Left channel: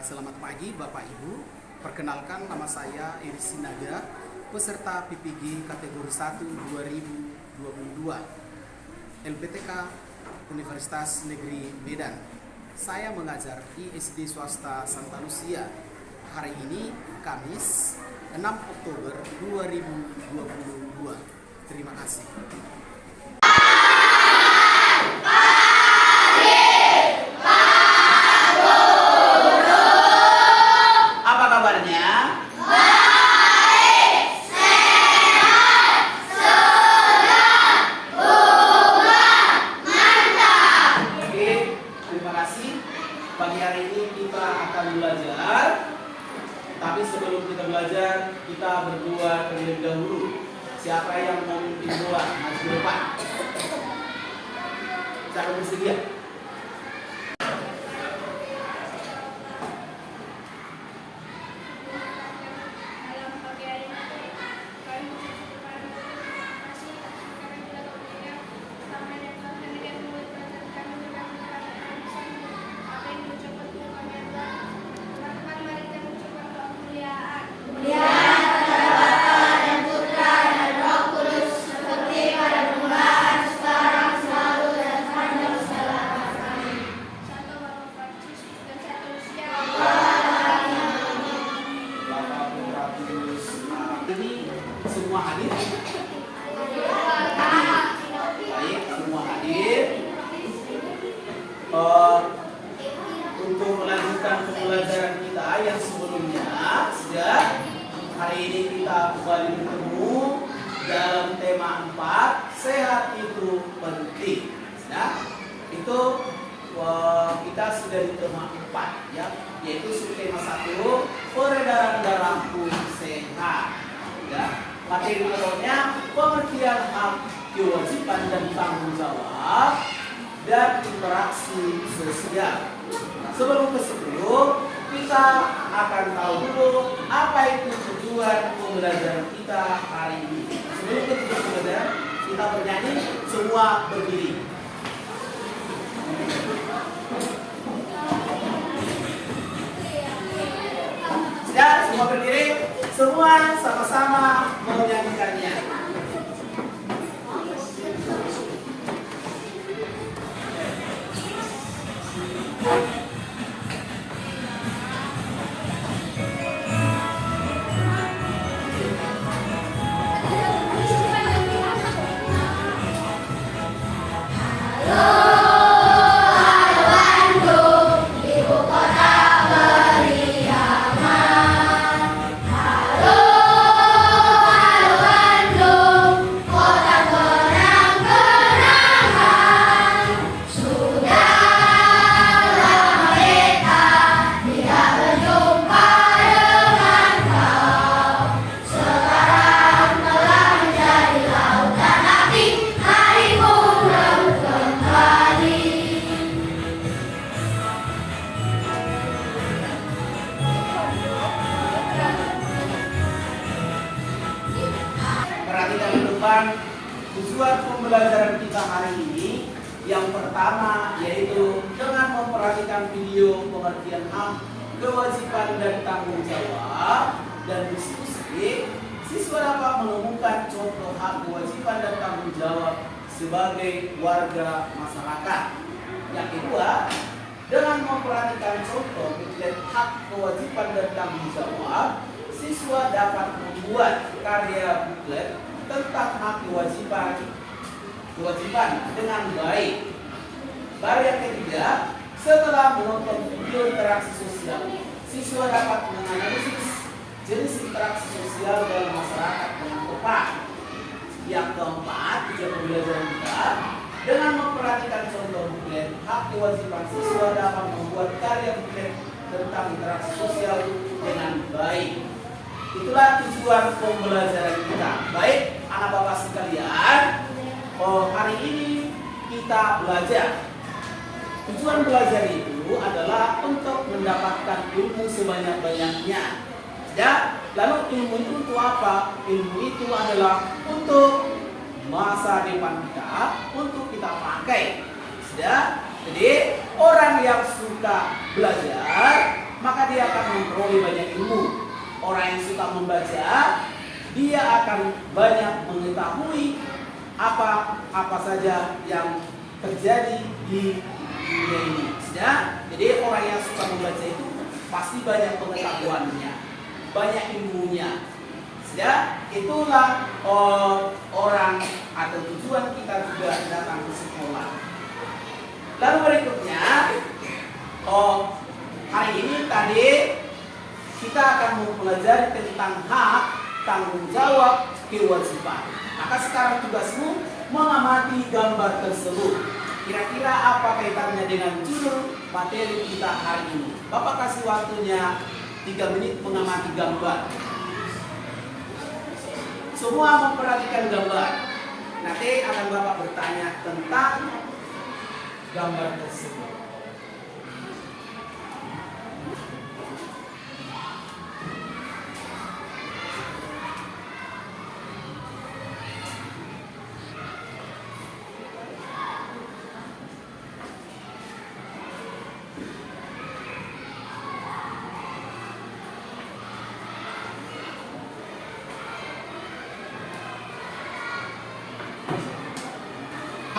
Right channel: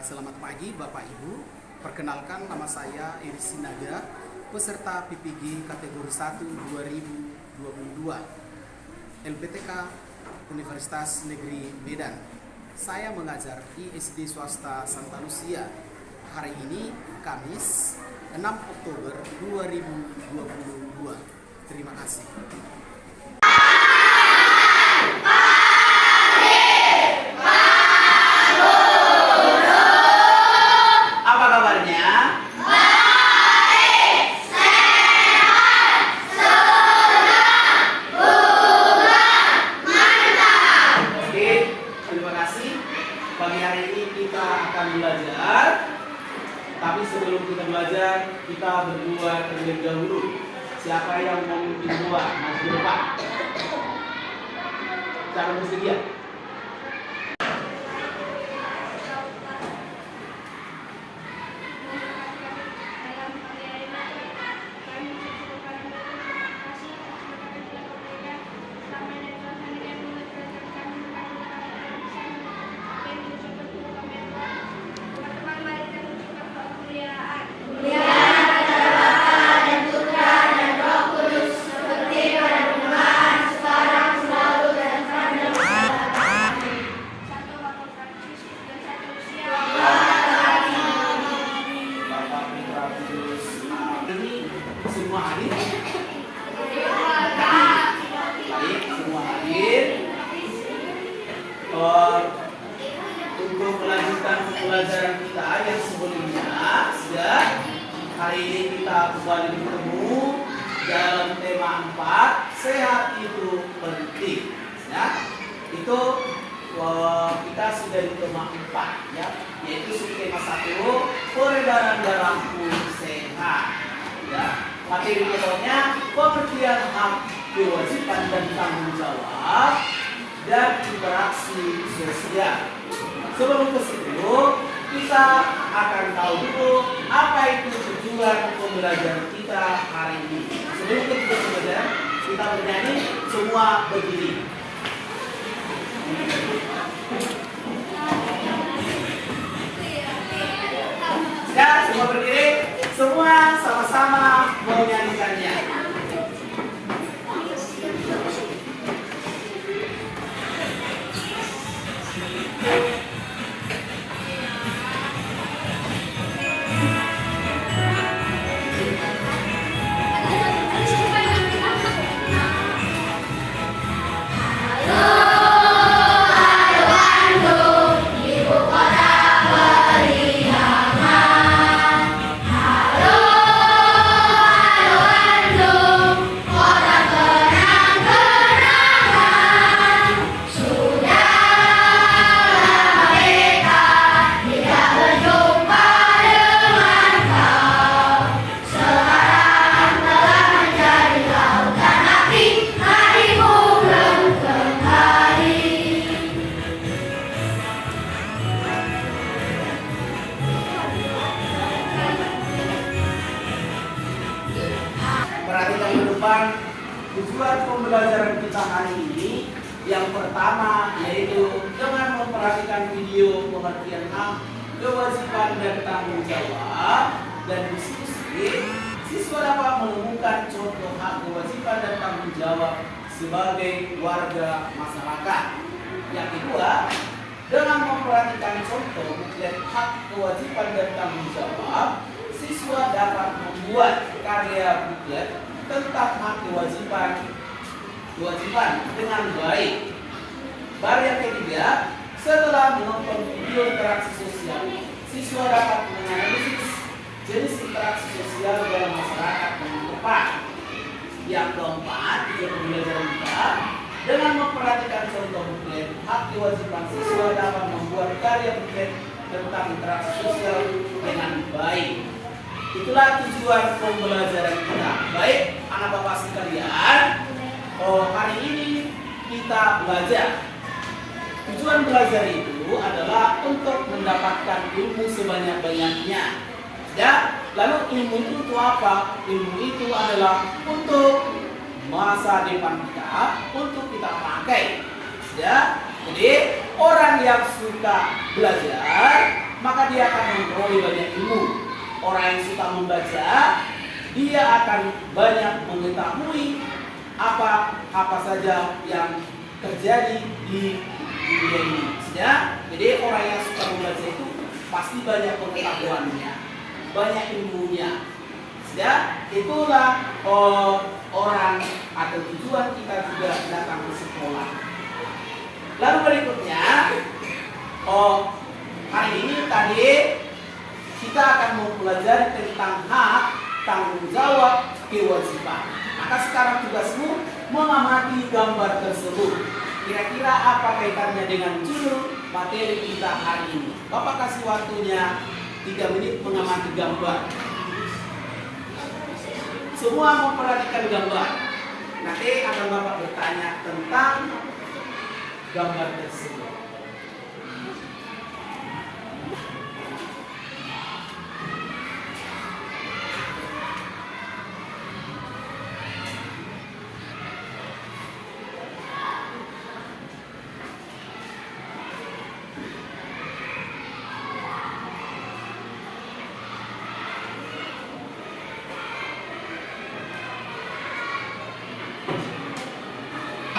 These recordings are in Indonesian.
Selamat pagi Bapak Ibu, perkenalkan nama saya Iris Sinaga, peserta PPG kategori 1 2022 LPTK Universitas Negeri Medan. Saya mengajar di SD Swasta Santa Lucia. Hari ini Kamis 6 Oktober 2022. Terima kasih. Apa kabarnya? Baik, sehat, senang, bunga, mantap. Oke, terima kasih. Pagi hari ini kita akan belajar. Tapi sebelum kita belajar, kita berdua terlebih dahulu. Siapa yang mau memimpin doa? Maju ke depan. Siapa bersedia? Semua hadir? Baik, semua hadir. Untuk melanjutkan pembelajaran kita yang sebelumnya, sudah hari ini kita kembali bertemu dalam tema 4, sehat itu penting. Ya, itu kita sudah di tema 4, ya, yaitu tema 1, peredaran darahku sehat. Ya, materi pokoknya pengertian hak, kewajiban dan tanggung jawab dan interaksi sosial. Sebelum ke situ, kita akan tahu dulu apa itu tujuan pembelajaran kita hari ini. Sebelum kita belajar, kita bernyanyi, semua berdiri. Ya, semua berdiri. Semua sama-sama menyanyikannya. Perhatikan ke depan, tujuan pembelajaran kita hari ini yang pertama yaitu dengan memperhatikan video pengertian hak, kewajiban dan tanggung jawab dan diskusi, siswa dapat menemukan contoh hak, kewajiban dan tanggung jawab sebagai warga masyarakat. Yang kedua, dengan memperhatikan contoh buklet hak, kewajiban dan tanggung jawab, siswa dapat membuat karya buklet tentang hak kewajiban dengan baik. Baru yang ketiga, setelah menonton video interaksi sosial, siswa dapat menganalisis jenis interaksi sosial dalam masyarakat dengan tepat. Yang keempat, tujuan pembelajaran kita, dengan memperhatikan contoh buklet hak kewajiban, siswa dapat membuat karya buklet tentang interaksi sosial dengan baik. Itulah tujuan pembelajaran kita. Baik, anak bapak sekalian, hari ini kita belajar. Tujuan belajar itu adalah untuk mendapatkan ilmu sebanyak-banyaknya. Ya, lalu ilmu itu untuk apa? Ilmu itu adalah untuk masa depan kita, untuk kita pakai. Ya, jadi orang yang suka belajar maka dia akan memperoleh banyak ilmu. Orang yang suka membaca, dia akan banyak mengetahui apa saja yang terjadi di dunia ini. Ya? Jadi orang yang suka membaca itu pasti banyak pengetahuannya, banyak ilmunya. Ya, itulah orang atau tujuan kita juga datang ke sekolah. Lalu berikutnya, hari ini tadi kita akan mempelajari tentang hak, tanggung jawab, kewajiban. Maka sekarang tugasmu mengamati gambar tersebut. Kira-kira apa kaitannya dengan judul materi kita hari ini? Bapak kasih waktunya 3 menit mengamati gambar. Semua memperhatikan gambar. Nanti akan Bapak bertanya tentang gambar tersebut.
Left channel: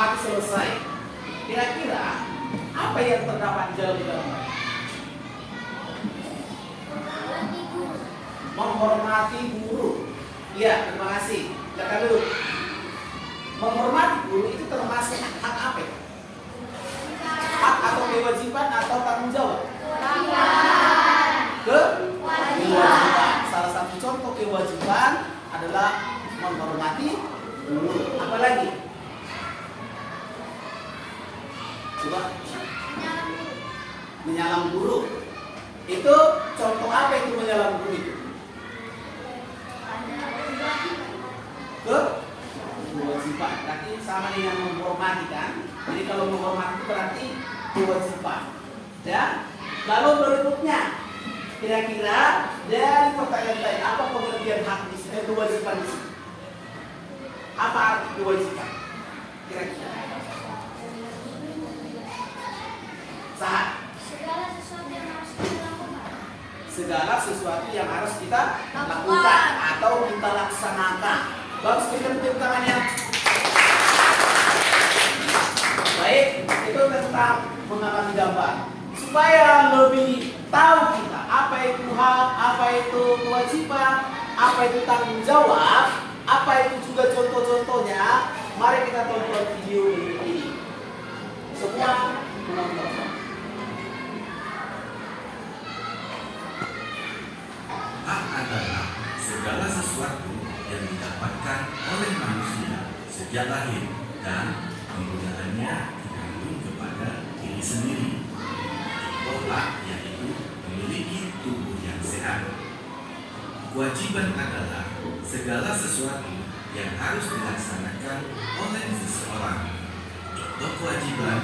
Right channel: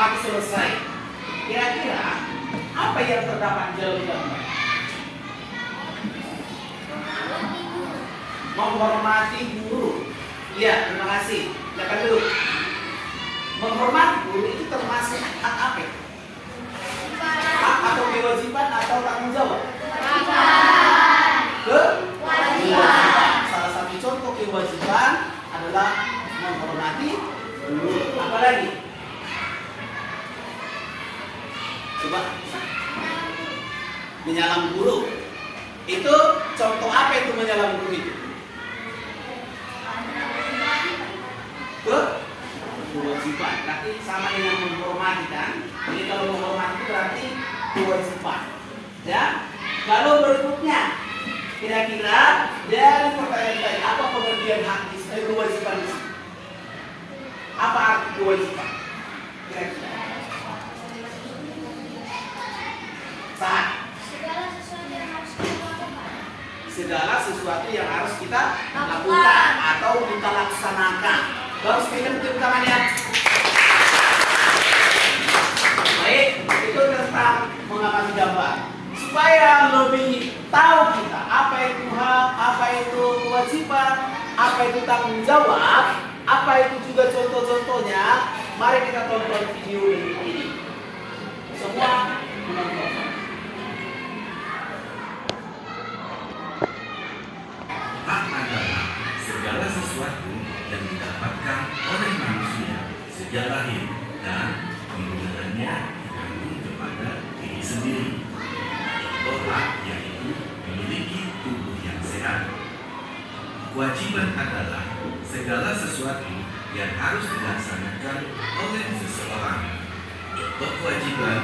Hak selesai. Kira-kira apa yang terdapat dalam gambar? Menghormati guru. Iya, terima kasih. Jangan dulu. Menghormati guru itu termasuk hak apa? Hak atau kewajiban atau tanggung jawab? Kewajiban. Salah satu contoh kewajiban adalah menghormati guru. Apa lagi? Coba. Menyalam guru. Itu contoh apa itu menyalam guru itu? Kewajiban. Berarti sama dengan menghormati kan? Jadi kalau menghormati berarti kewajiban. Ya. Lalu berikutnya, kira-kira dari pertanyaan tadi apa pengertian hak kewajiban di sini? Apa arti kewajiban? Kira-kira. Segala sesuatu yang harus kita lakukan atau kita laksanakan. Bagus, berikan tepuk tangannya. Baik, itu tentang mengamati gambar. Supaya lebih tahu kita apa itu hak, apa itu kewajiban, apa itu tanggung jawab, apa itu juga contoh-contohnya. Mari kita tonton video ini. Semua menonton. Hak adalah segala sesuatu yang didapatkan oleh manusia sejak lahir dan penggunaannya tergantung kepada diri sendiri. Contoh hak yaitu memiliki tubuh yang sehat. Kewajiban adalah segala sesuatu yang harus dilaksanakan oleh seseorang. Contoh kewajiban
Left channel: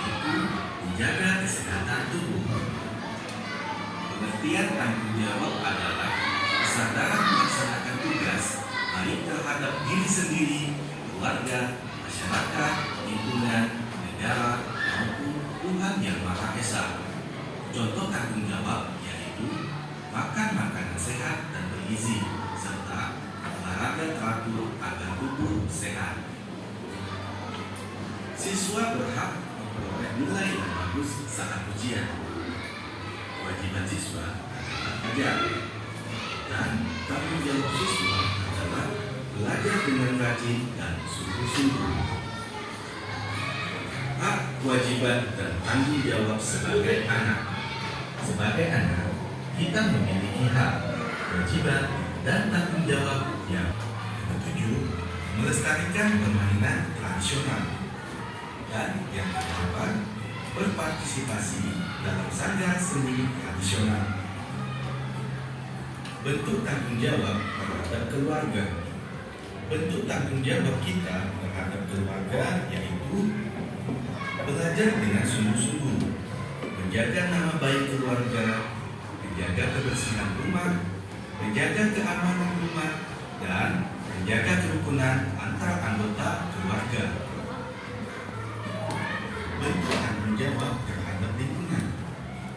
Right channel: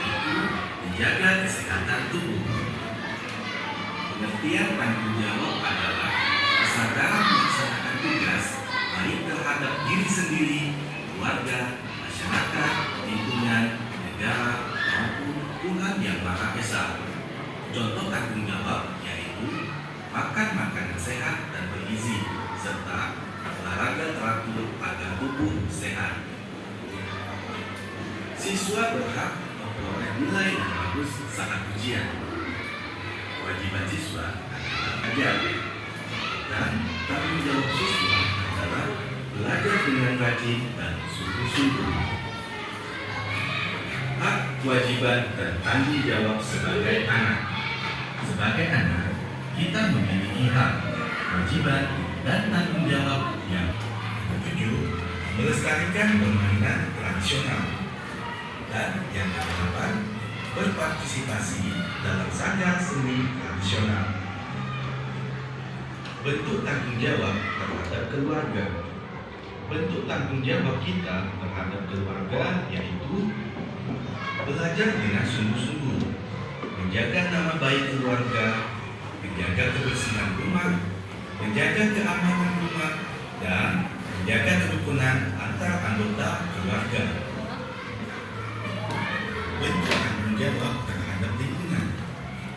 yaitu menjaga kesehatan tubuh. Pengertian tanggung jawab adalah kesadaran melaksanakan tugas baik terhadap diri sendiri, keluarga, masyarakat, lingkungan, negara, maupun Tuhan yang Maha Esa. Contoh tanggung jawab yaitu makan makanan sehat dan bergizi, serta olahraga teratur agar tubuh sehat. Siswa berhak memperoleh nilai yang bagus saat ujian. Kewajiban siswa adalah belajar, dan tanggung jawab siswa adalah belajar dengan rajin dan sungguh-sungguh. Hak, kewajiban, dan tanggung jawab sebagai anak. Sebagai anak, kita memiliki hak, kewajiban, dan tanggung jawab yang ketujuh, melestarikan permainan tradisional, dan yang kedelapan, berpartisipasi dalam saga seni tradisional. Bentuk tanggung jawab terhadap keluarga. Bentuk tanggung jawab kita terhadap keluarga yaitu belajar dengan sungguh-sungguh, menjaga nama baik keluarga, menjaga kebersihan rumah, menjaga keamanan rumah, dan menjaga kerukunan antar anggota keluarga. Bentuk tanggung jawab terhadap lingkungan.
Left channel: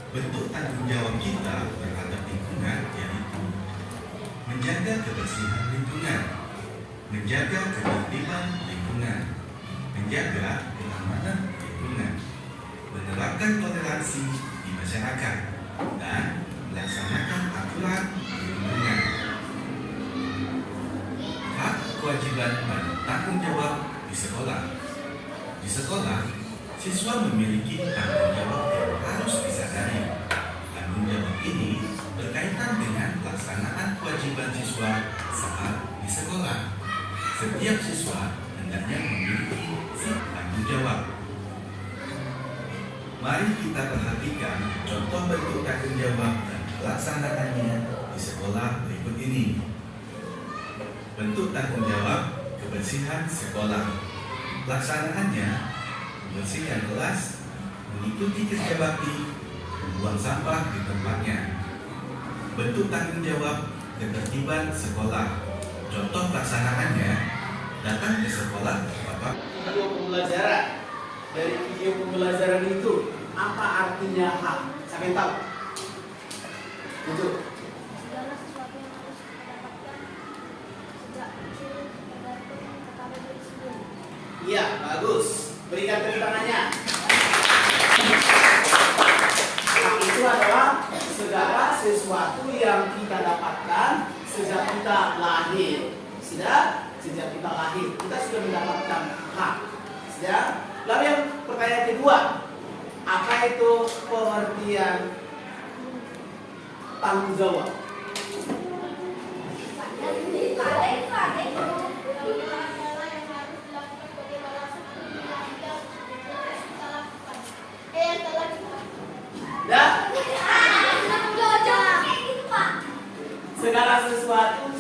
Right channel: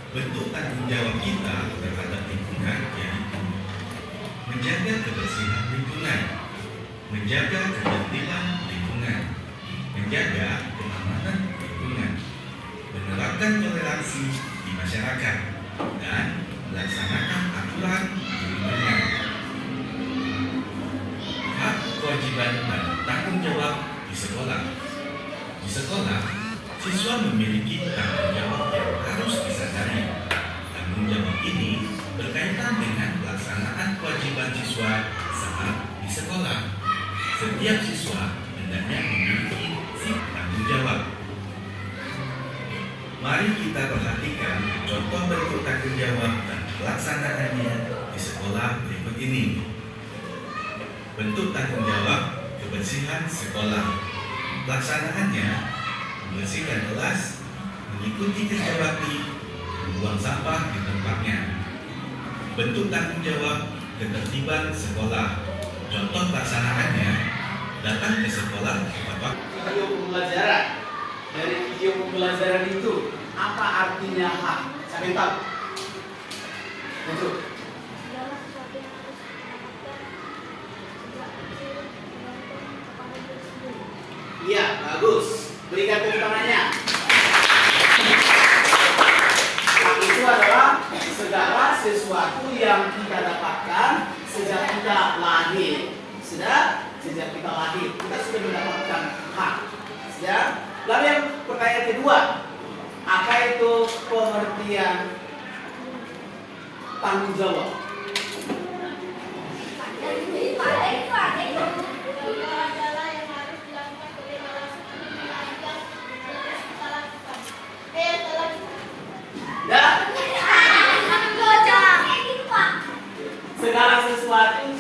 bentuk tanggung jawab kita terhadap lingkungan yaitu menjaga kebersihan lingkungan, menjaga ketertiban lingkungan, menjaga keamanan lingkungan, menerapkan toleransi di masyarakat, dan melaksanakan aturan di lingkungan. Hak, kewajiban, dan tanggung jawab di sekolah. Di sekolah, siswa memiliki tanggung jawab yang harus disadari. Tanggung jawab ini berkaitan dengan pelaksanaan kewajiban siswa saat di sekolah. Setiap siswa hendaknya memiliki sifat tanggung jawab. Mari kita perhatikan contoh bentuk tanggung jawab dan pelaksanaannya di sekolah berikut ini. Bentuk tanggung jawab kebersihan sekolah. Pelaksanaannya membersihkan kelas, mengikuti kerja bakti, membuang sampah di tempatnya. Bentuk tanggung jawab ketertiban sekolah. Contoh pelaksanaannya, datang ke sekolah Bapak. Video pembelajaran. Dari video pembelajaran itu apa artinya hak? Siapa yang tahu? Betul. Segala sesuatu yang harus kita dapatkan sejak kecil tergantung kepada diri sendiri. Iya, bagus. Berikan tepuk tangannya. Hak itu adalah segala sesuatu yang kita dapatkan sejak kita lahir. Sejak kita lahir, kita sudah mendapatkan hak. Sudah. Lalu yang pertanyaan kedua, apa itu pengertian tanggung jawab? Ya, segala sesuatu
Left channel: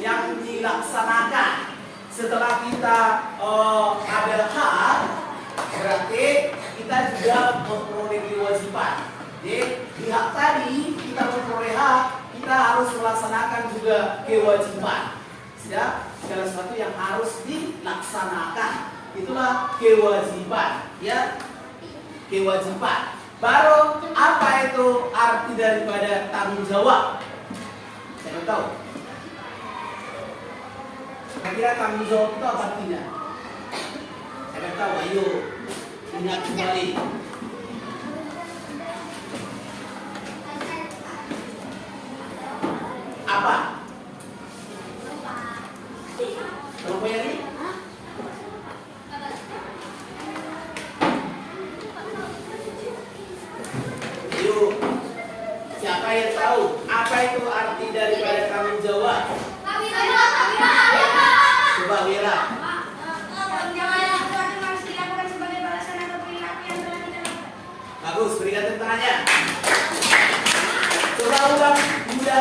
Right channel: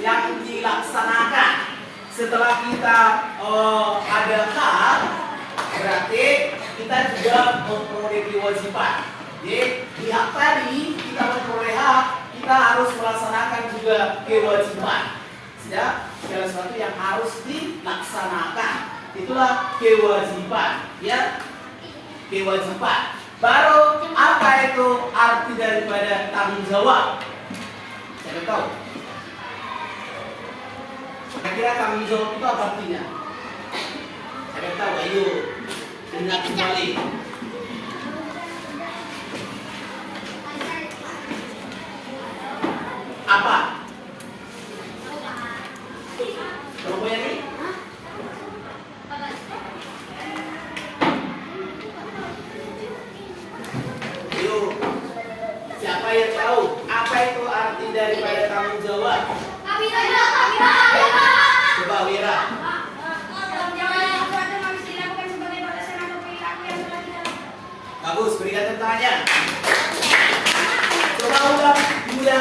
yang dilaksanakan setelah kita ada hak, berarti kita juga memperoleh kewajiban. Jadi di hak tadi kita memperoleh hak, kita harus melaksanakan juga kewajiban. Sudah, segala sesuatu yang harus dilaksanakan, itulah kewajiban. Ya, kewajiban. Baru apa itu arti daripada tanggung jawab? Saya tahu. Kira-kira tanggung jawab itu apa artinya? Saya tahu, ayo ingat kembali. Apa? Kamu punya nih? Yuk, siapa yang tahu apa itu arti daripada tanggung jawab? Coba Wira. Bagus, berikan tepuk tangannya. Coba ulang, Bunda.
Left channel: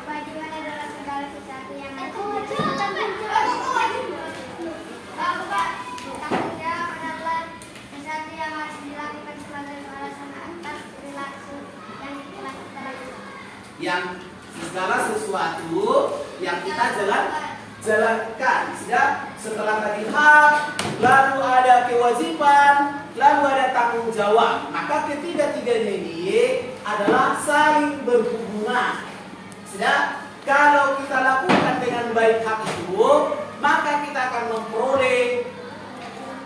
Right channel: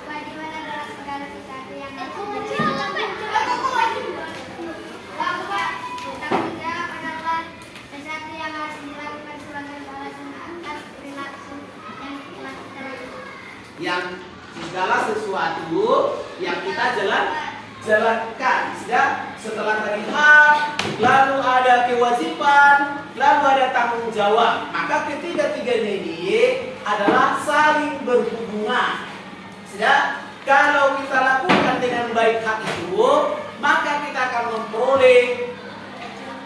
Kewajiban adalah segala sesuatu yang tanggung jawab adalah sesuatu yang harus dilakukan sebagai balasan atas perilaku yang telah kita lakukan. Yang segala sesuatu yang kita jalankan. Sudah, setelah tadi hak, lalu ada kewajiban, lalu ada tanggung jawab. Maka ketiga-tiganya ini adalah saling berhubungan. Sudah, kalau kita lakukan dengan baik hak itu, maka kita akan memperoleh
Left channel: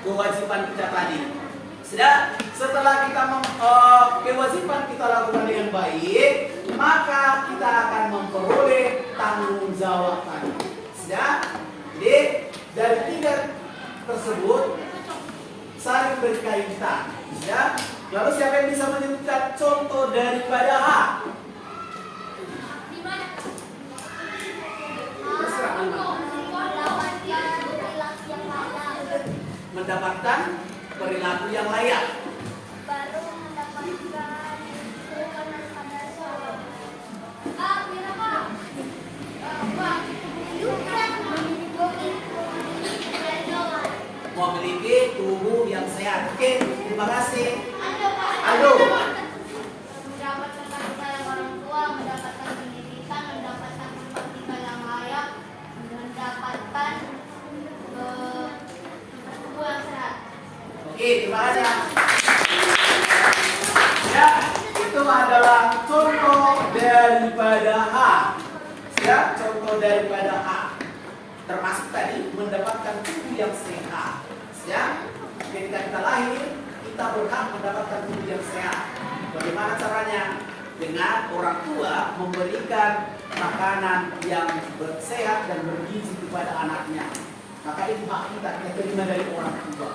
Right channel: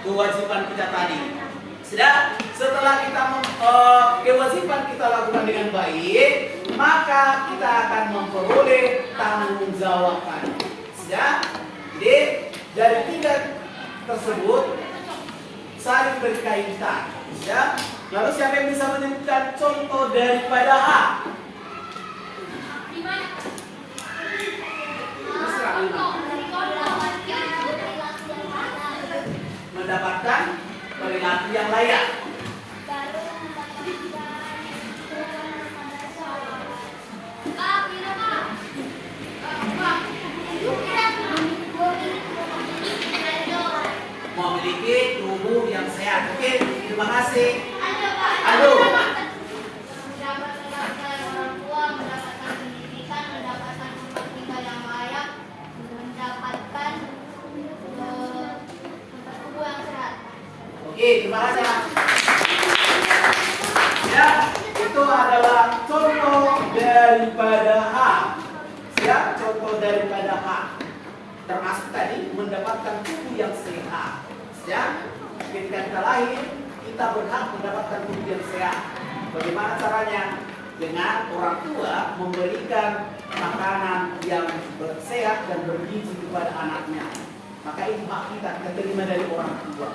kewajiban kita tadi. Sudah, setelah kita kewajiban kita lakukan dengan baik, maka kita akan memperoleh tanggung jawab tadi. Sudah, jadi dari tiga tersebut saling berkaitan. Sudah, lalu siapa yang bisa menyebutkan contoh daripada hak? Mendapatkan perilaku yang layak. Baru mendapatkan kerukunan pada seorang. Memiliki tubuh yang sehat. Oke, terima kasih. Aduh. Mendapatkan orang tua, mendapatkan pendidikan, mendapatkan tempat tinggal yang layak, mendapatkan tempat tubuh yang sehat. Oke, terima kasih. Ya, itu adalah contoh daripada hak. Ya, contoh daripada hak. Termasuk tadi mendapatkan tubuh yang sehat. Ya, ketika kita lahir, kita berhak mendapatkan tubuh yang sehat. Bagaimana caranya? Dengan orang tua memberikan makanan yang sehat dan bergizi kepada anaknya. Maka itu hak kita terima dari orang tua.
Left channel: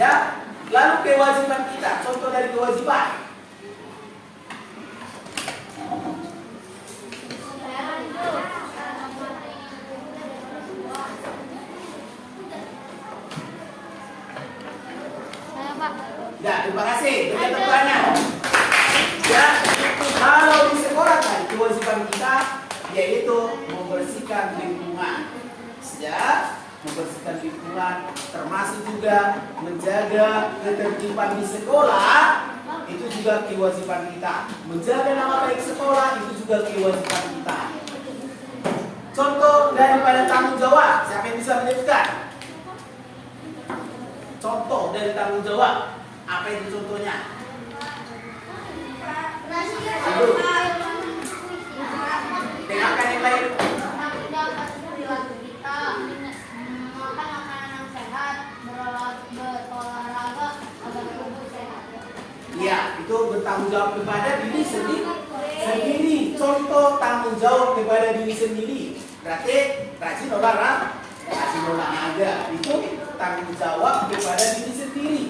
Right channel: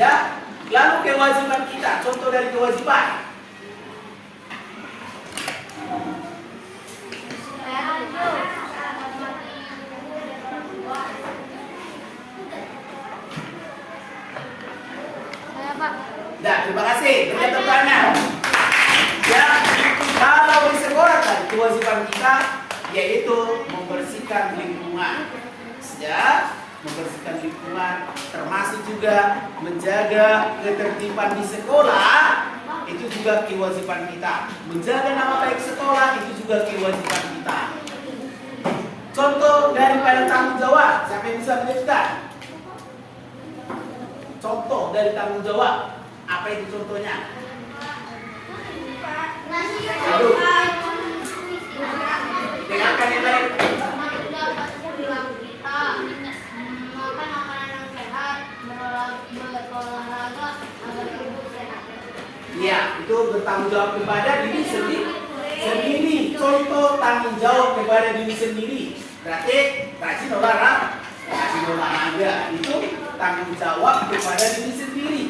Ya, lalu kewajiban kita, contoh dari kewajiban. Nah, terima kasih. Berikutnya tanya. Ya, kalau di sekolah kan kewajiban kita yaitu membersihkan lingkungan. Ya, membersihkan lingkungan termasuk juga menjaga ketertiban di sekolah. Itu juga kewajiban kita. Menjaga nama baik sekolah itu juga kewajiban kita. Contoh daripada tanggung jawab, siapa yang bisa menyebutkan? Contoh dari tanggung jawab, apa itu contohnya? Aduh. Dengarkan yang lain. Makan makanan yang sehat, berolahraga agar tubuh sehat. Ya, itu bertanggung jawab kepada diri sendiri. Contoh tanggung jawab kepada diri sendiri. Berarti rajin olahraga itu tanggung jawab kepada diri sendiri.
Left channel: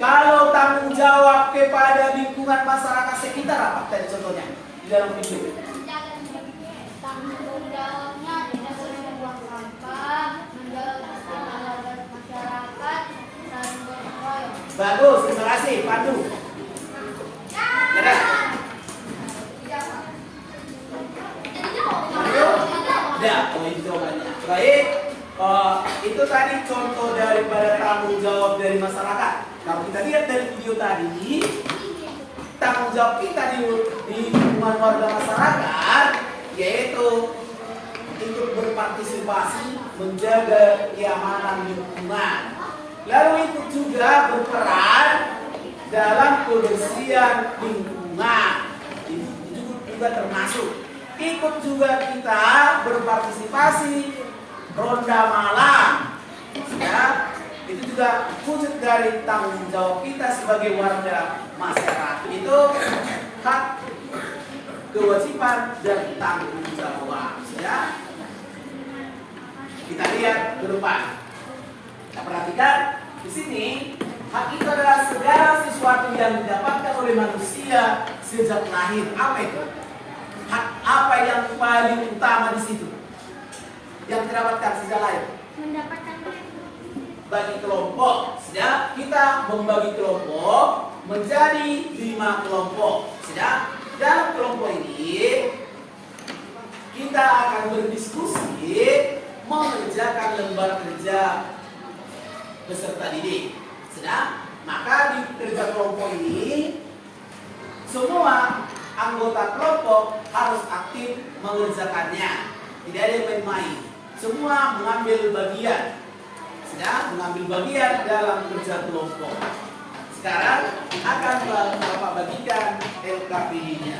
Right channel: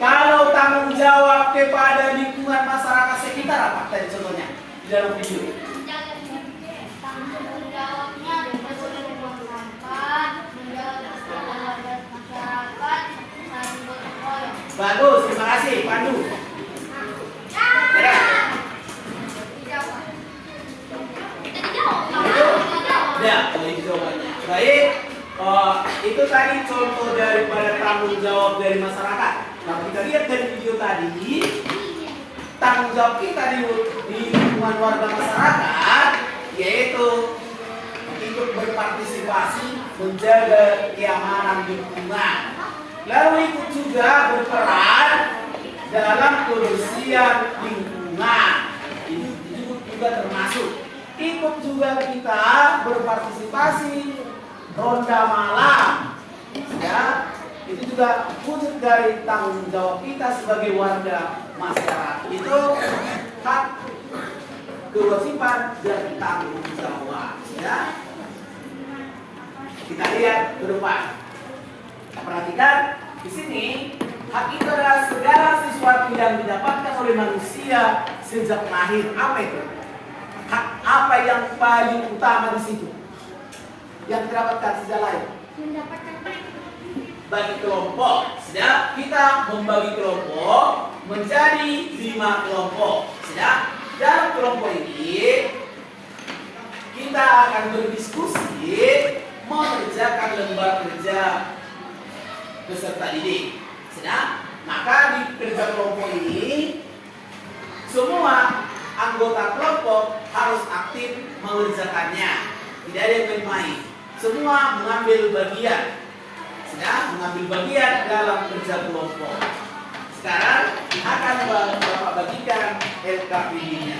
Kalau tanggung jawab kepada lingkungan masyarakat sekitar apa tadi contohnya di dalam video? Tanggung jawabnya tidak boleh membuang sampah, menjaga kesehatan warga masyarakat, saling gotong royong. Bagus, terima kasih, Pandu. Ya, itu jawabannya. Baik, itu tadi contoh daripada tanggung jawab dari masyarakat. Kalau kita lihat dari video tadi, tanggung jawab kita di lingkungan warga masyarakat yaitu ikut berpartisipasi menjaga keamanan lingkungan. Lalu ikut juga berperan dalam kebersihan lingkungan. Ini juga termasuk. Ikut juga kita berpartisipasi ronda malam. Ya, itu juga wujud dari tanggung jawab kita sebagai warga masyarakat. Itu hak, kewajiban dan tanggung jawab. Ya, kita lihat ke depan. Kita perhatikan di sini hak itu adalah segala sesuatu yang didapatkan oleh manusia sejak lahir. Apa itu? Hak apa yang paling utama di situ? Yang didapatkan sejak lahir? Mendapatkan Bagi kelompok. Ya, kita membagi kelompok menjadi 5 kelompok. Ya, dalam kelompok ini kita akan berdiskusi mengerjakan lembar kerja peserta didik. Sedang, maka di kerja kelompok ini semua anggota kelompok harus aktif mengerjakannya. Tidak ada yang main-main. Semua mengambil bagian. Sedang mengambil bagian dalam kerja kelompok. Sekarang akan Bapak bagikan LKPD-nya.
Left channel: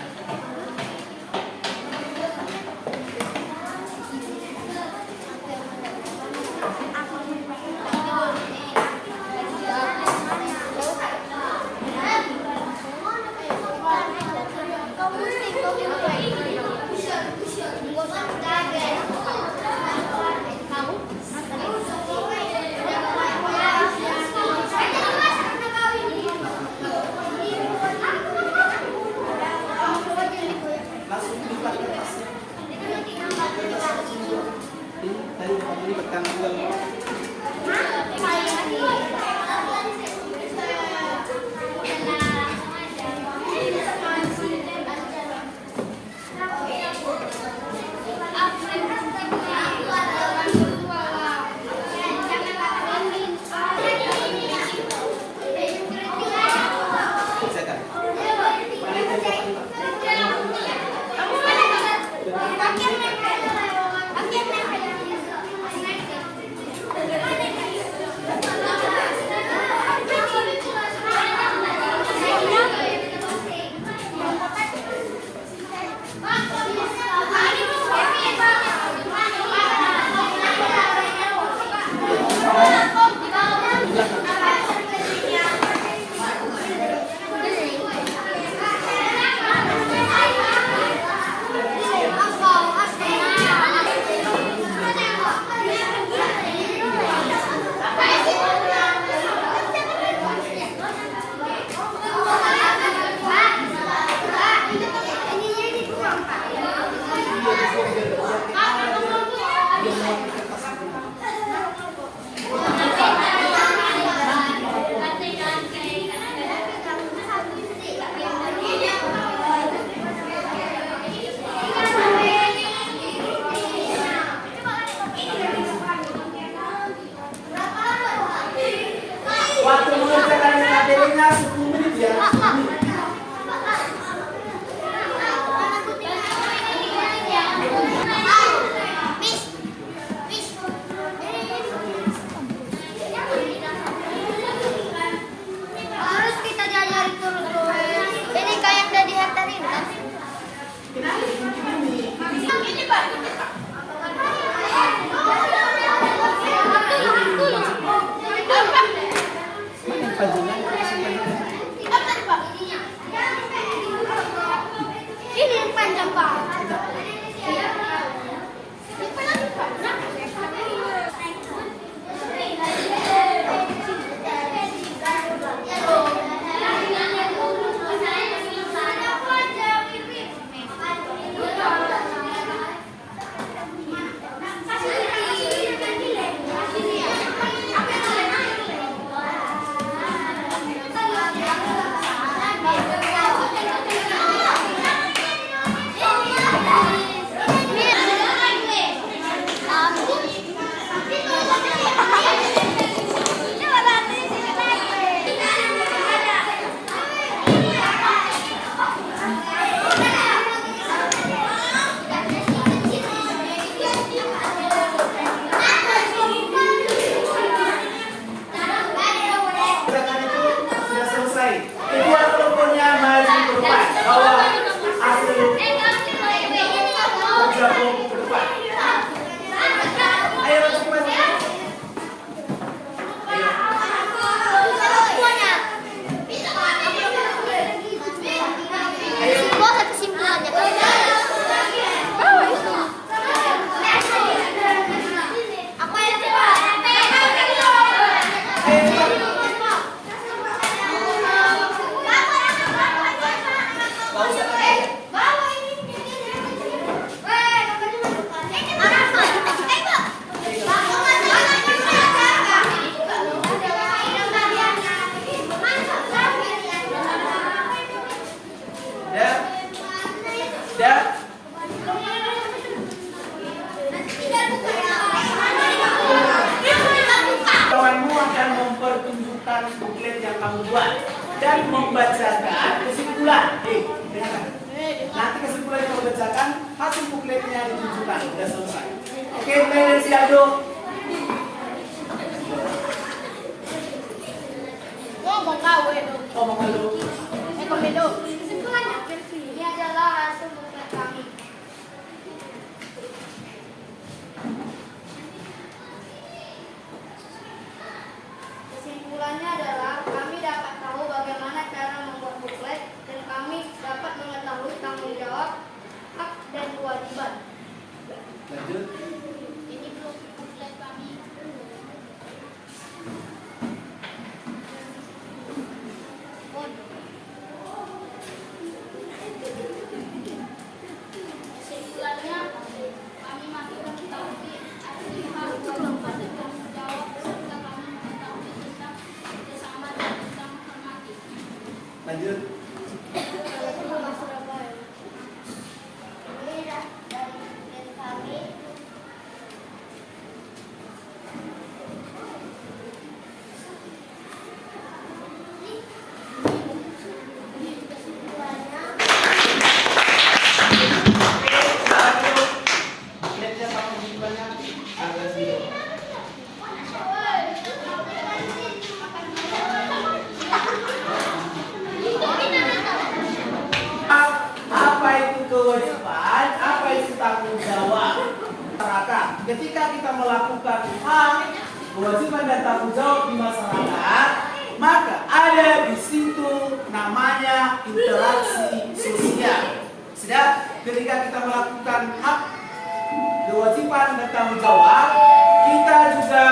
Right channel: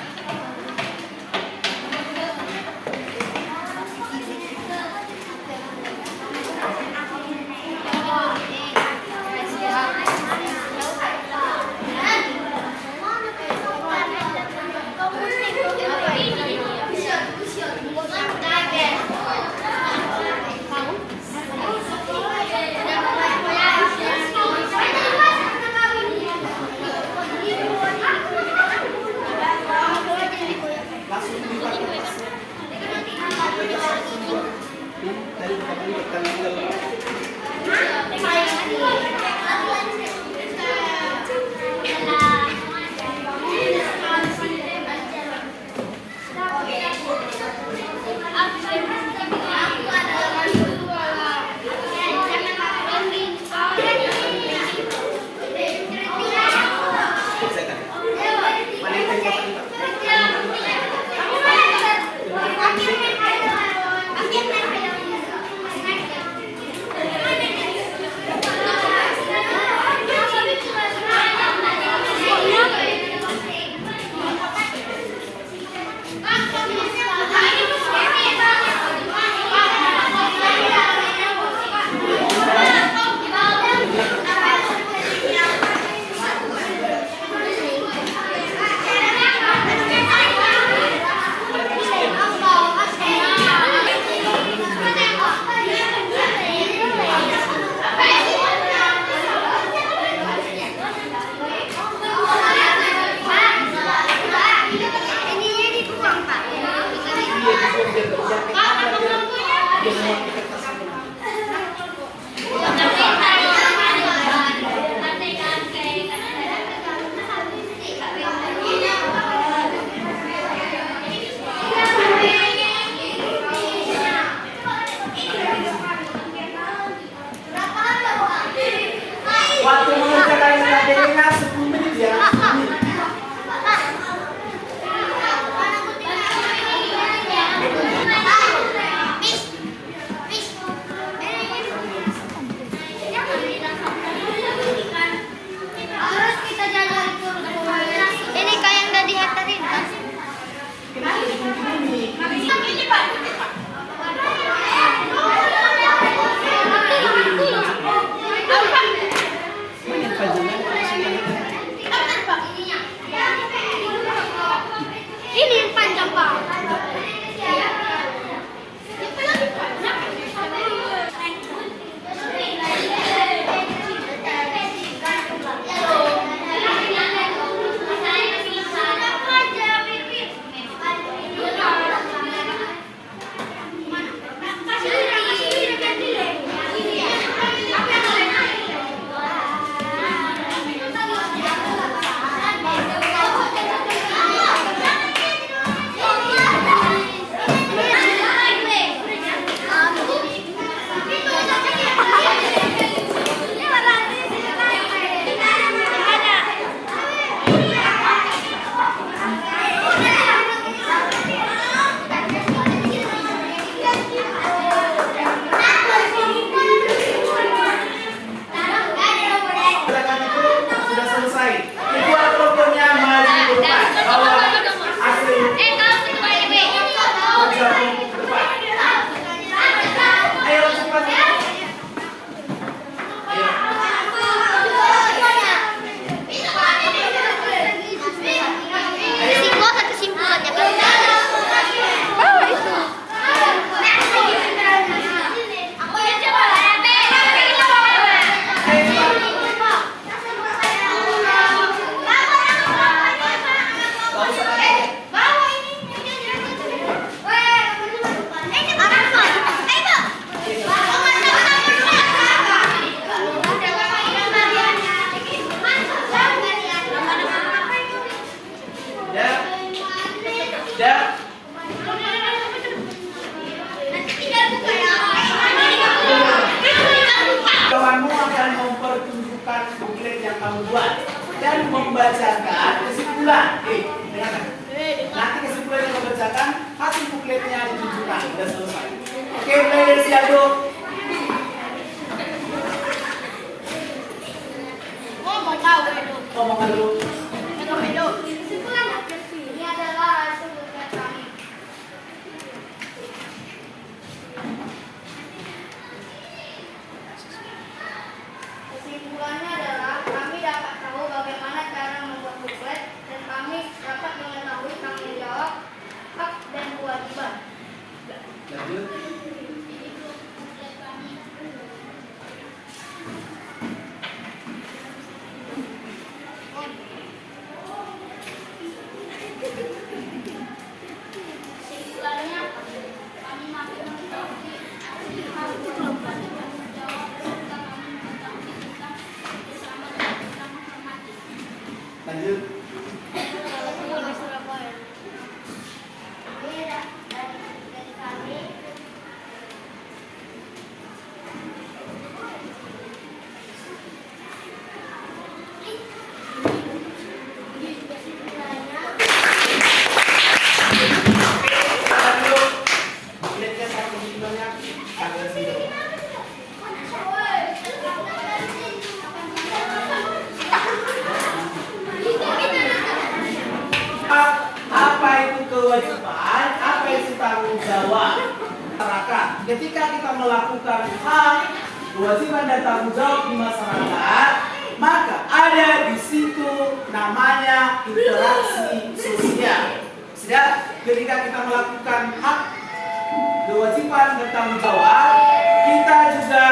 Sudah? Kawanmu akan mempertunjukkan buklet yang kamu buat dan membacakan kesimpulan. Dengarkan. Nanti kesimpulan yang membacakan, hasil bukletnya ditunjukkan. Sudah selesai. Oke, mulai dari si Aldo. Ngomong Aldo. Ini adalah hasil buklet kami. Kesimpulannya adalah kami dapat tahu bagaimana cara membuat buklet dan kami dapat mengetahui tanggung jawab, hak dan kewajiban. Lanjut. Kesimpulannya kami mampu mengetahui hak kewajiban dan tanggung jawab serta kami mengetahui tentang kerjasama dan kita menghormati. Lanjut. Surabaya. Ini dari kami. Kesimpulannya Bukletnya sama kesimpulannya agak zero. Apa itu kewajiban? Apa itu tanggung jawab masyarakat? Ketika kita melakukan hal, kewajiban dan tanggung jawab di masyarakat, maka ada di situ namanya interaksi sosial. Sudah, ketika kita melakukan hak, kewajiban dan tanggung jawab, kita juga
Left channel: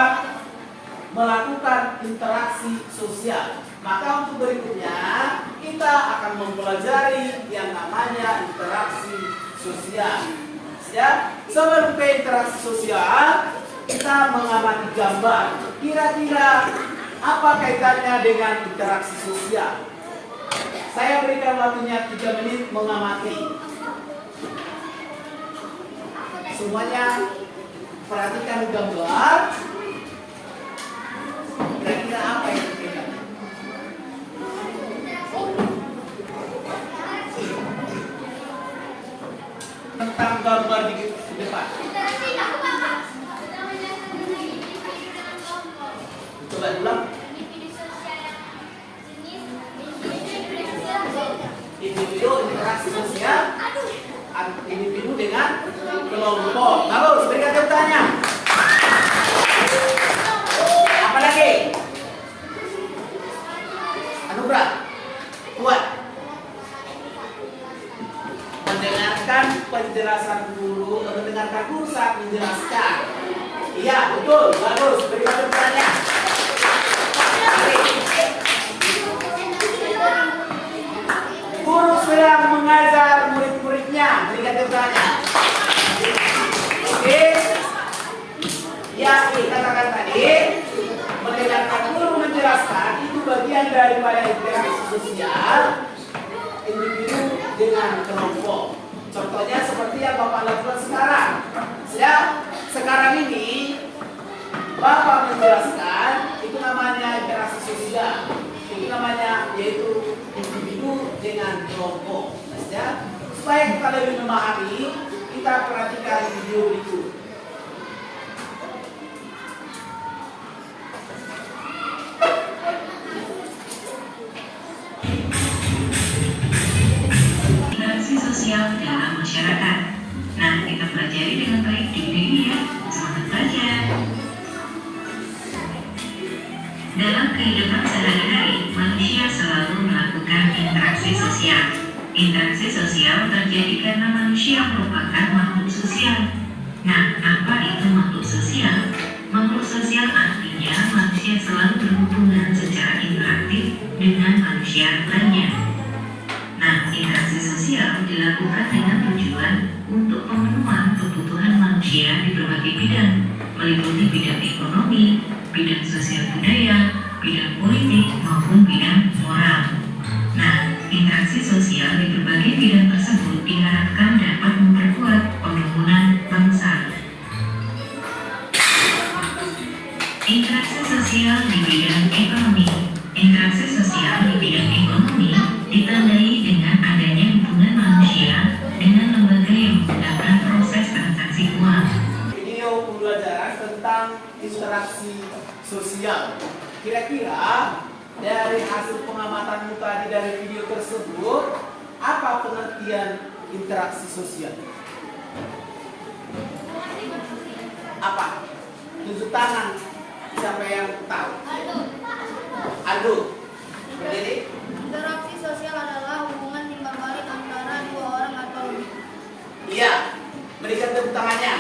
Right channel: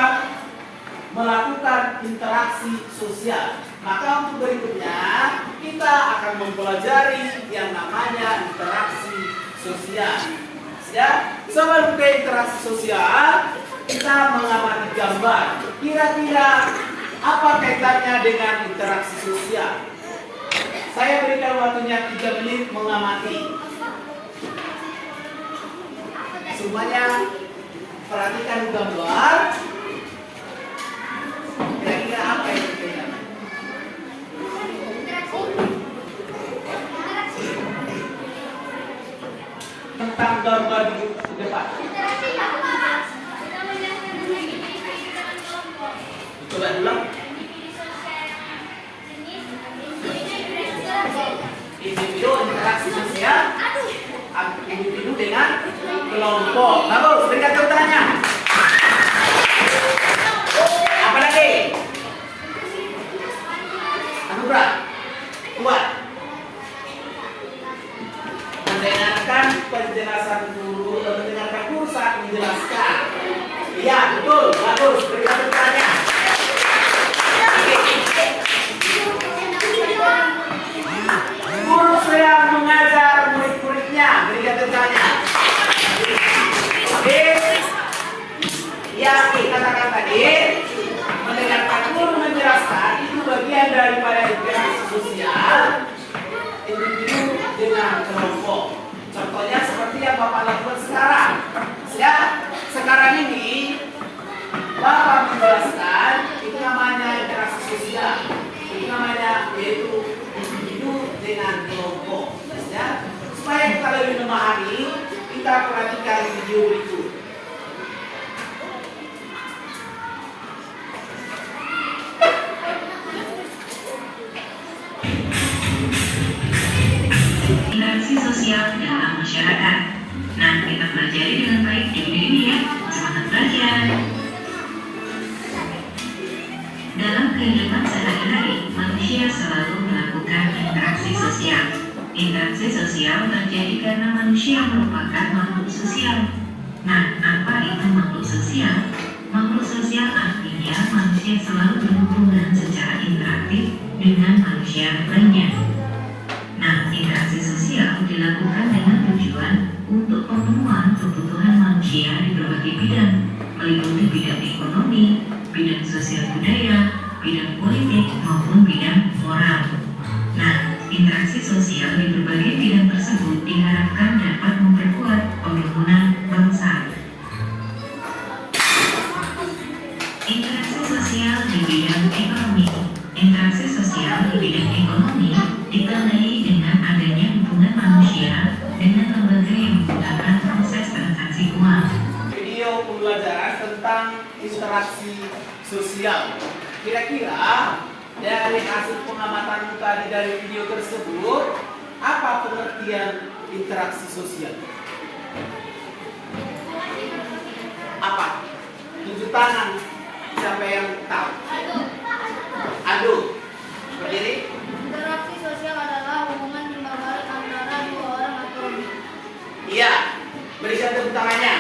melakukan interaksi sosial. Maka untuk berikutnya kita akan mempelajari yang namanya interaksi sosial. Ya, sebelum ke interaksi sosial, kita mengamati gambar. Kira-kira apa kaitannya dengan interaksi sosial? Saya berikan waktunya 3 menit mengamati. Semuanya perhatikan gambar. Kira-kira apa yang terjadi? Tentang gambar di depan. Coba ulang. Individu interaksi sosial, individu dengan kelompok. Bagus, berikan tepuk tangannya. Apa lagi? Anugerah. Kuat. Mendengarkan penjelasan guru, mendengarkan guru saat menjelaskan. Iya, betul. Bagus, berikan tepuk tangannya. Guru sedang mengajar murid-muridnya, berikan tepuk tangannya. Oke. Yang dikatakan tadi, mendengarkan guru menjelaskan itu bagian daripada interaksi sosial individu dengan kelompok. Contohnya seperti yang Bapak lakukan sekarang. Ya, sekarang ini Bapak menjelaskan itu namanya interaksi sosial. Itu namanya yaitu individu dengan kelompok. Ya, supaya kita lebih memahami, kita perhatikan video berikut. Interaksi sosial dalam masyarakat. Nah, kita pelajari dengan baik di video ini ya. Semangat belajar. Dalam kehidupan sehari-hari, manusia selalu melakukan interaksi sosial. Interaksi sosial terjadi karena manusia merupakan makhluk sosial. Nah, apa itu makhluk sosial? Makhluk sosial artinya manusia selalu berhubungan secara interaktif dengan manusia lainnya. Nah, interaksi sosial dilakukan dengan tujuan untuk pemenuhan kebutuhan manusia di berbagai bidang, meliputi bidang ekonomi, bidang sosial budaya, bidang politik, maupun bidang moral. Nah, interaksi sosial di berbagai bidang tersebut diharapkan interaksi sosial. Kira-kira dari hasil pengamatanmu tadi dari video tersebut, apa pengertian interaksi sosial? Apa? Tunjuk tangan. Siapa yang tahu? Aldo. Berdiri. Interaksi sosial adalah hubungan timbal balik antara dua orang atau lebih. Iya. Berikan tepuk tangannya.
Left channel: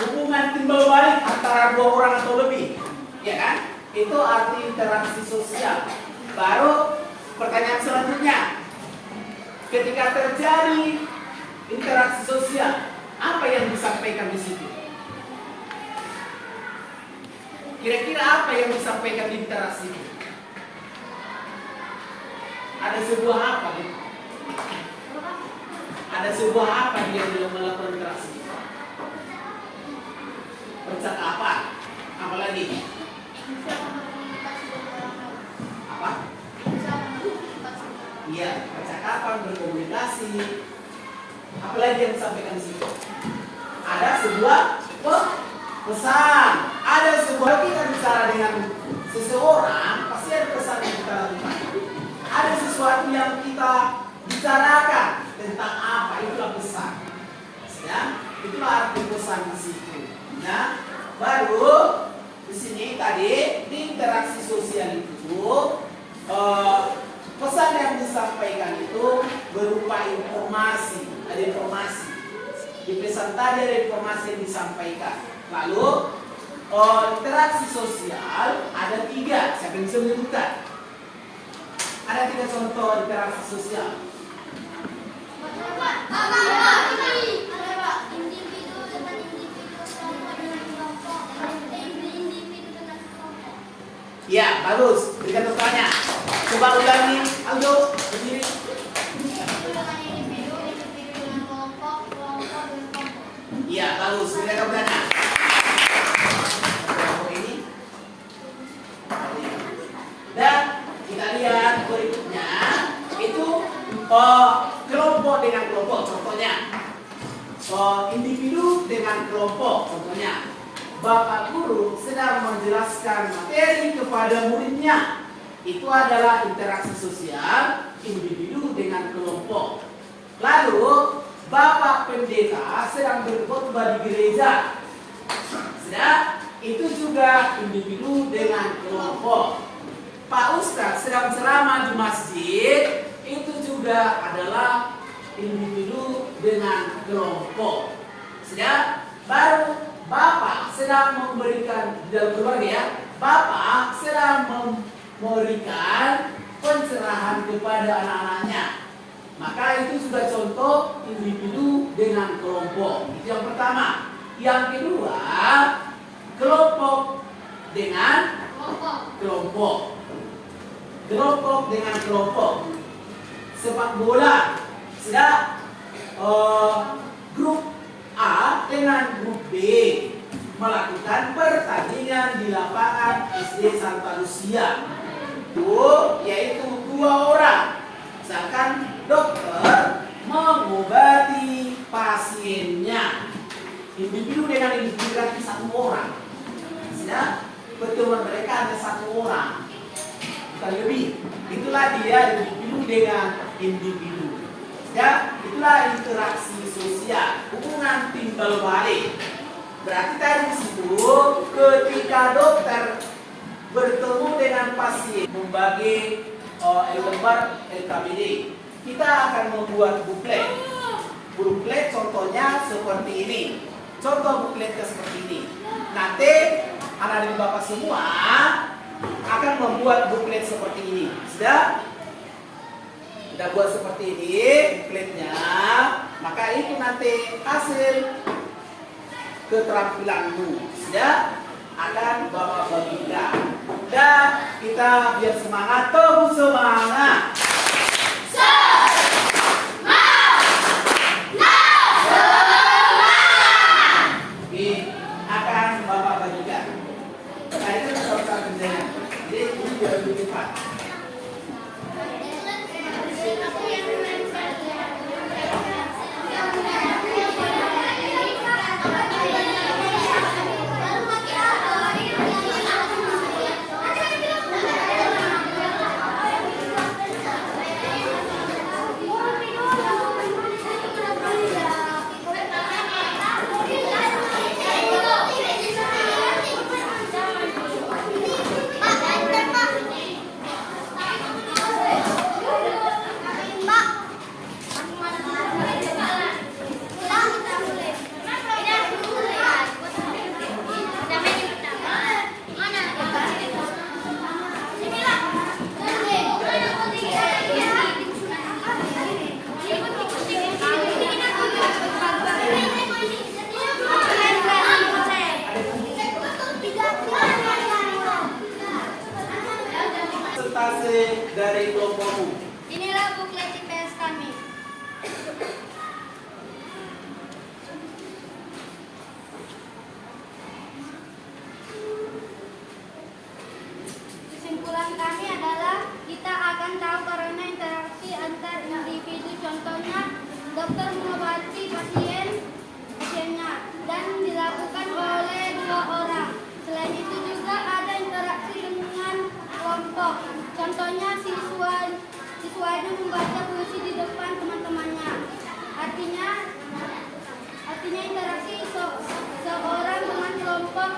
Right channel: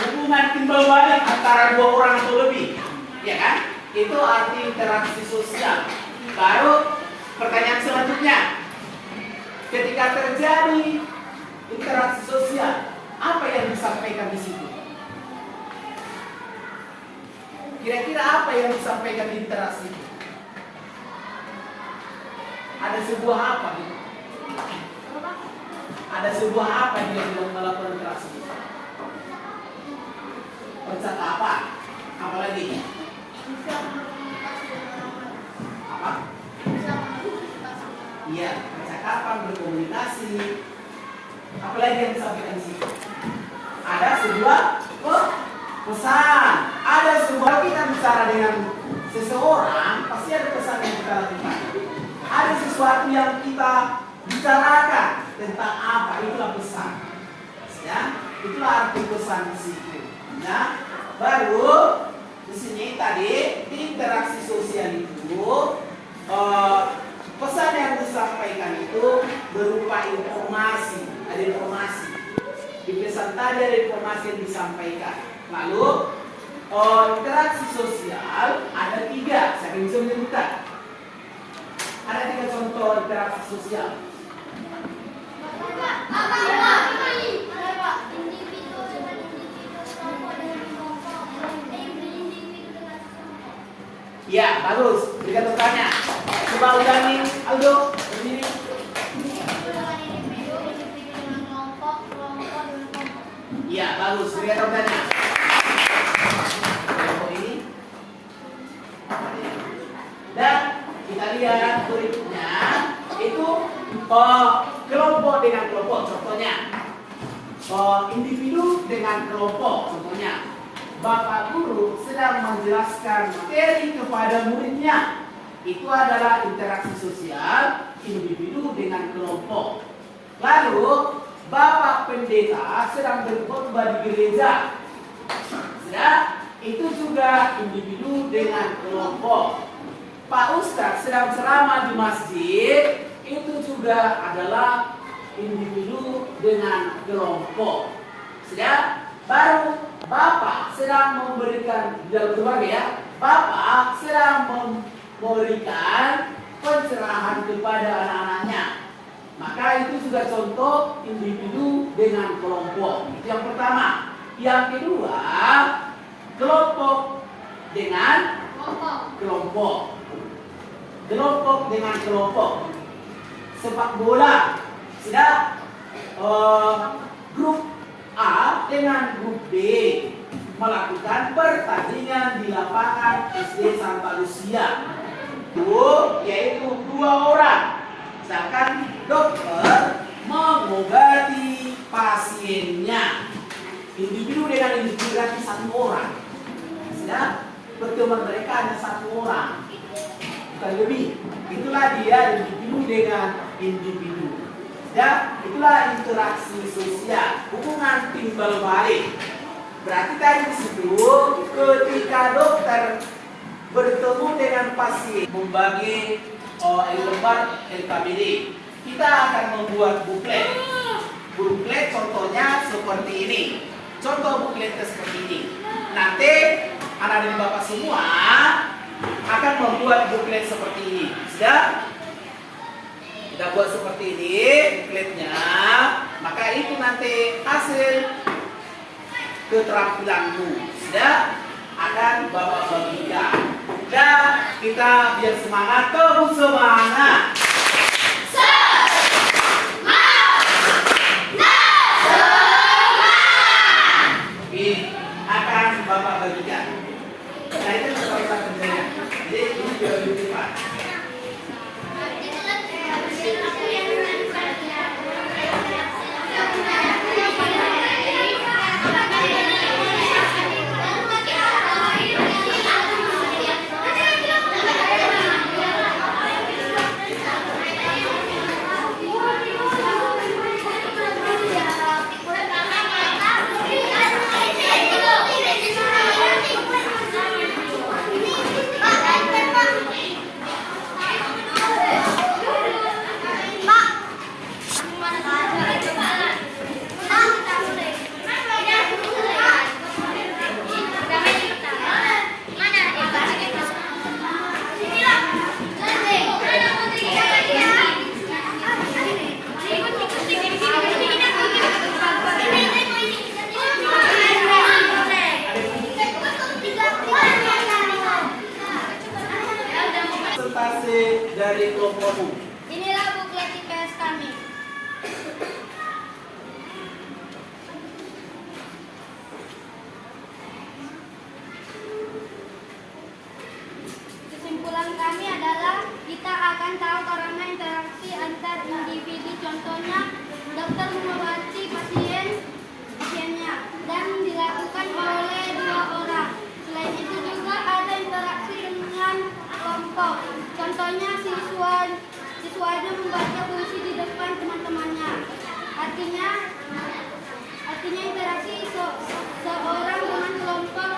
Hubungan timbal balik antara dua orang atau lebih, ya kan? Itu arti interaksi sosial. Baru pertanyaan selanjutnya, ketika terjadi interaksi sosial, apa yang disampaikan di situ? Kira-kira apa yang disampaikan di interaksi itu? Ada sebuah apa gitu? Ada sebuah apa yang dia dalam melakukan interaksi? Percakapan, apa lagi? Apa? Iya, percakapan, berkomunikasi. Apa lagi yang disampaikan di situ? Ada sebuah pesan. Ada sebuah, kita bicara dengan seseorang, pasti ada pesan yang kita lakukan. Ada sesuatu yang kita bicarakan tentang apa, itulah pesan. Ya, itulah arti pesan di situ. Nah, baru di sini tadi di interaksi sosial itu pesan yang disampaikan itu berupa informasi. Ada informasi. Di pesan tadi ada informasi yang disampaikan. Lalu interaksi sosial ada 3. Saya bisa menyebutkan. Ada 3 contoh interaksi sosial. Individu dengan individu, kelompok dengan kelompok, individu dengan kelompok. Ya, bagus. Berikan tepuk tangannya. Coba ulangi, Aldo. Berdiri. Individu dengan individu, individu dengan kelompok, kelompok dengan kelompok. Iya, bagus. Berikan tepuk tangannya. Kelompok ini. Dan kita lihat berikutnya itu kelompok dengan kelompok. Contohnya individu dengan kelompok. Contohnya Bapak guru sedang menjelaskan materi kepada muridnya. Itu adalah interaksi sosial individu dengan kelompok. Lalu Bapak pendeta sedang berkhotbah di gereja. Sudah, itu juga individu dengan kelompok. Pak Ustadz sedang ceramah di masjid, itu juga adalah individu dengan kelompok. Sudah, baru Bapak sedang memberikan di dalam keluarga ya, Bapak sedang memberikan pencerahan kepada anak-anaknya. Maka itu juga contoh individu dengan kelompok. Itu yang pertama. Yang kedua, kelompok dengan kelompok. Kelompok dengan kelompok. Sepak bola, sudah grup A dengan grup B melakukan pertandingan di lapangan SD Santa Lucia. Itu yaitu 2 orang. Misalkan dokter mengobati pasiennya. Individu dengan individu berarti 1 orang. Sudah pertemuan mereka ada 1 orang. Bukan lebih. Itulah dia individu dengan individu. Ya, itulah interaksi sosial, hubungan timbal balik. Berarti kan di situ ketika dokter bertemu dengan pasien membagi lembar LKPD, kita akan membuat buklet. Buklet contohnya seperti ini. Contoh bukletnya seperti ini. Nanti anak dan bapak semua akan membuat buklet seperti ini. Sudah? Kita buat seperti ini bukletnya, maka itu nanti hasil keterampilanmu. Sudah akan bapak bagikan. Dan kita biar semangat, terus semangat. Akan bapak bagikan. Nah itu salah kerjanya. Jadi ini biar lebih cepat. dokter mengobati pasiennya dan dilakukan oleh 2 orang. Selain itu juga ada interaksi dengan kelompok. Contohnya siswanya membaca puisi di depan teman-temannya. Artinya interaksi seorang dengan kelompok,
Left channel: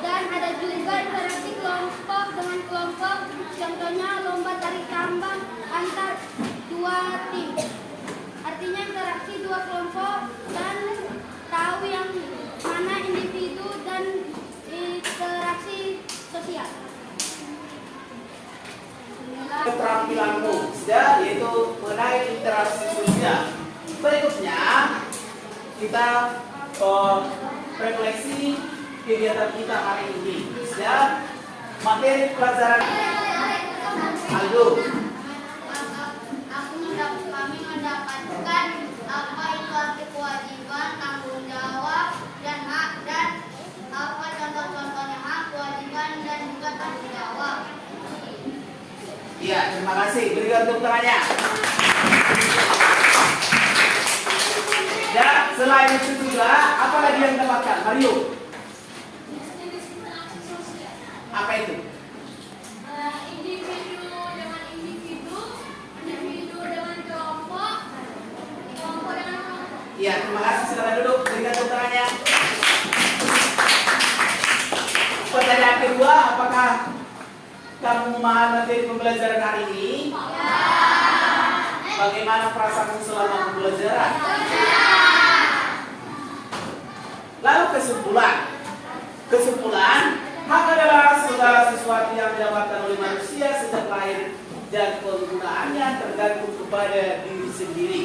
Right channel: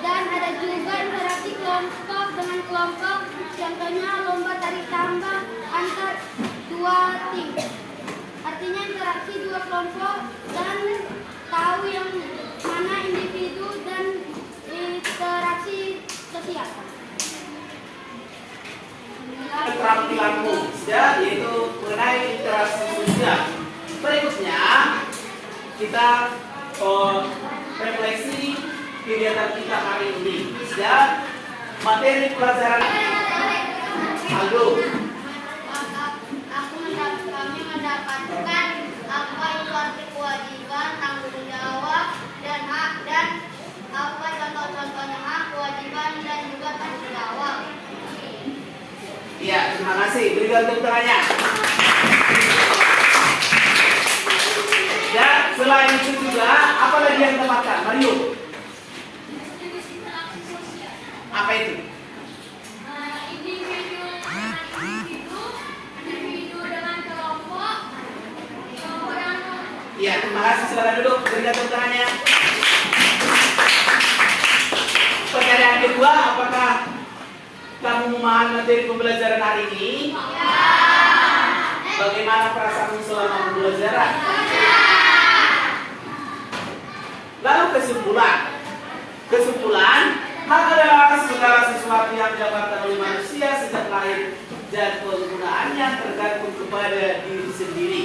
dan ada juga interaksi kelompok dengan kelompok. Contohnya lomba tarik tambang antar 2 tim. Artinya interaksi 2 kelompok dan tahu yang mana individu dan interaksi sosial. Keterampilanmu ya, yaitu mengenai interaksi sosial. Berikutnya kita refleksi kegiatan kita hari ini ya. Materi pelajaran Aldo. Kami mendapatkan apa itu arti kewajiban, tanggung jawab, dan hak, dan apa contoh-contohnya hak, kewajiban, dan juga tanggung jawab. Iya, terima kasih. Berikan tepuk tangannya. Ya, selain itu juga apa lagi yang dapatkan? Mario. Apa itu? Individu dengan kelompok dengan Iya, terima kasih. Silakan duduk. Berikan tepuk tangannya. Pertanyaan kedua, apakah kamu memahami materi pembelajaran hari ini? Ya. Bagaimana perasaanmu selama pembelajaran? Lalu kesimpulan, hak adalah segala sesuatu yang didapatkan oleh manusia sejak lahir dan penggunaannya tergantung kepada diri sendiri.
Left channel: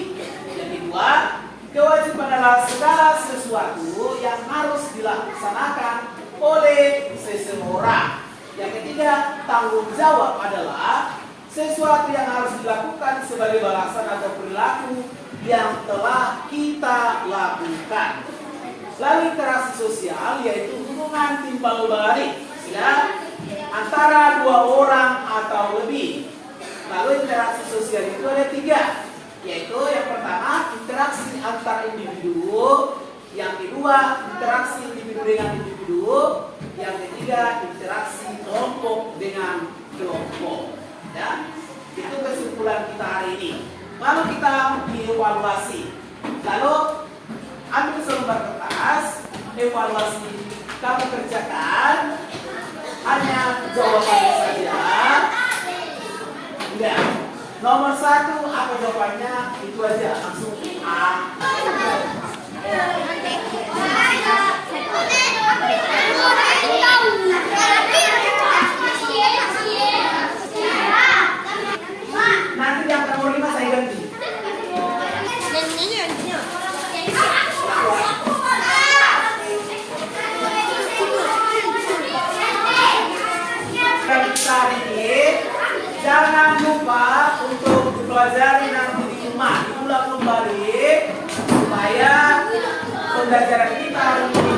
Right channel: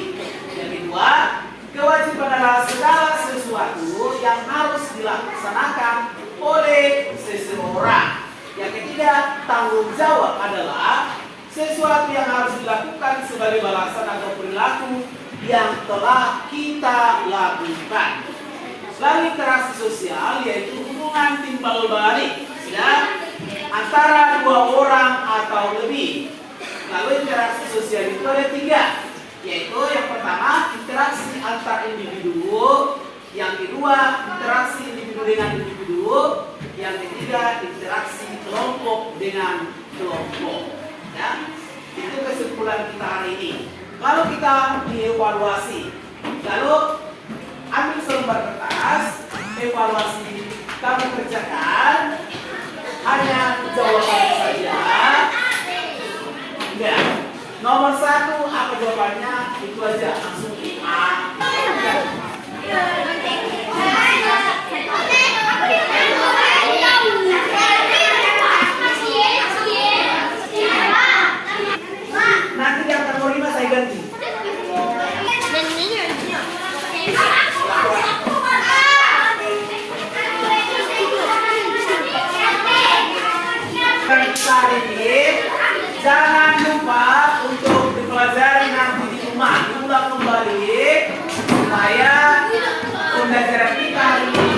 Yang kedua, kewajiban adalah segala sesuatu yang harus dilaksanakan oleh seseorang. Yang ketiga, tanggung jawab adalah sesuatu yang harus dilakukan sebagai balasan atau perilaku yang telah kita lakukan. Lalu interaksi sosial yaitu hubungan timbal balik ya, antara 2 orang atau lebih. Lalu interaksi sosial itu ada 3, yaitu yang pertama interaksi antar individu, yang kedua interaksi individu dengan individu, yang ketiga interaksi kelompok dengan kelompok. Ya, itu kesimpulan kita hari ini. Lalu kita dievaluasi. Lalu ambil selembar kertas, evaluasi kamu kerjakan, hanya jawabannya saja. Enggak. Nomor 1 apa jawabannya? Itu aja langsung A. Nanti yang nomor 5 saya ganti. Hari ini jangan lupa untuk dipelajari nanti di rumah, diulang kembali supaya pembelajaran kita hari ini